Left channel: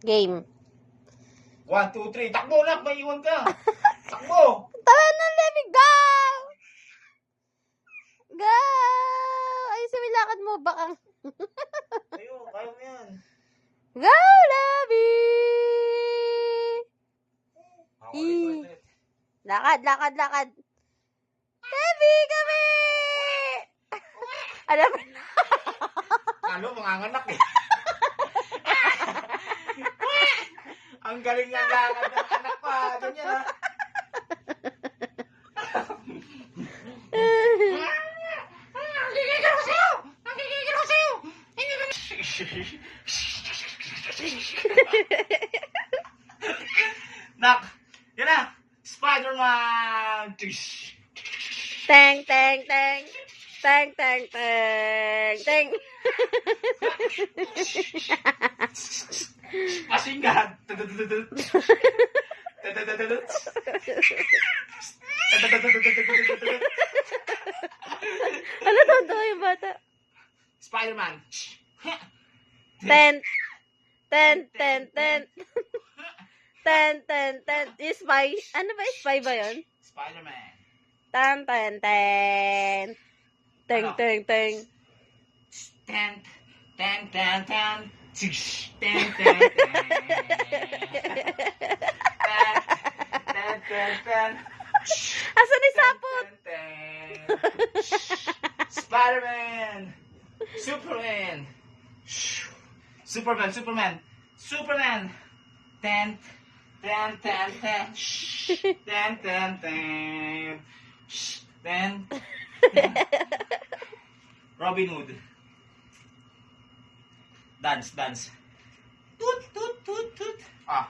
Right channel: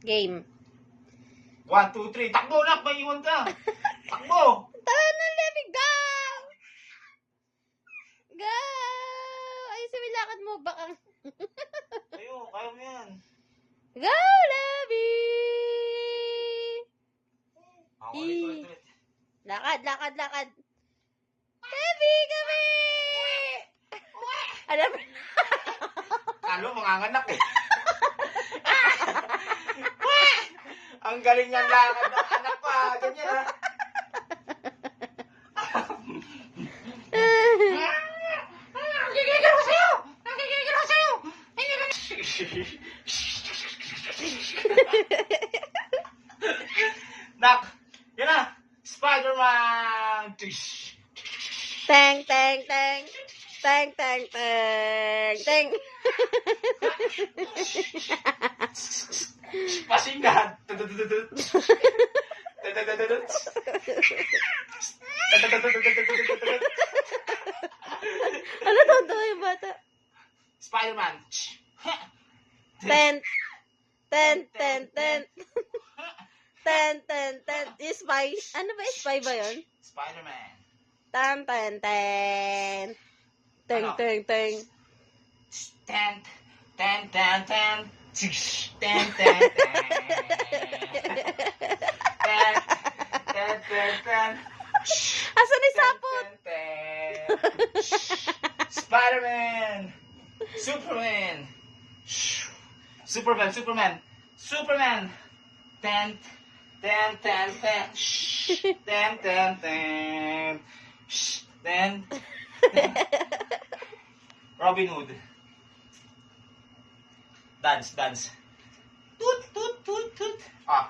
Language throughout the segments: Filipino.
Game. 1, 2, 3. Takbo na, may iwan ka. Takbo. Tara na, Lenny, go! Go! Ayusin mo yung lakad mo, bakang. Kaya mo yan. Go, Levi! Ulit. Lakad, lakad, lakad. Levi, kami! Alam mo na. Ano, manganganak eh. Ang galing ng lakad ng anak pa. Ganyan ha. Nagigigil ako sa'yo! Nagigigil ako sa'yo! Nak! Yan na! Spider-Man! Teng, teng, teng. Teng, teng, teng. Teng. Pasingan! Ano totoo yung bata? Spider-Man! Ten. Ten, ten, ten. Ten, ten, ten. Spy. Ano ba? Spy ba yun? Spider-Man! Ten, ten, ten. Teng, Ano? teng, teng. Ten, ten, ten, ten. Ten, ten, ten. Ten, ten, ten. Asan yung sapot? Ten, ten. Spider-Man! Superman! Superman! Superman! Superman! Ten, ten, ten, ten. Ten, ten, ten. Ten. Robin Hood. Dance, dance. Toot, toot, toot, toot. Ah,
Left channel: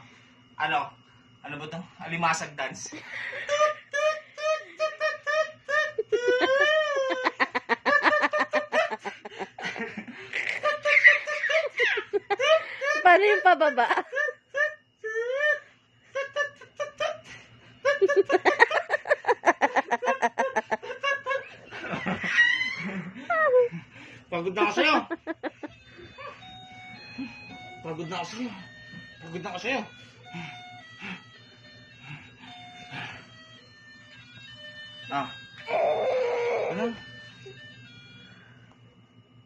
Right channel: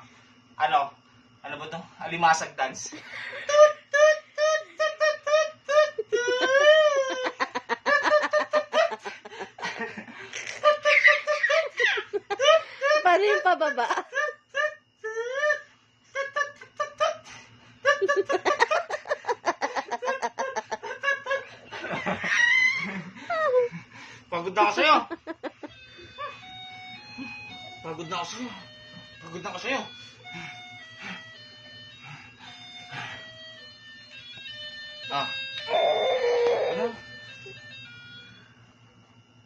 ano? Ano ba to? Alimasag dance. Toot, toot, toot, toot, toot, toot, toot, toot. Paano yung pababa? Pagod na ako sa'yo. Pagod na ako sa'yo. Pagod na ako sa'yo. Ah. Ano?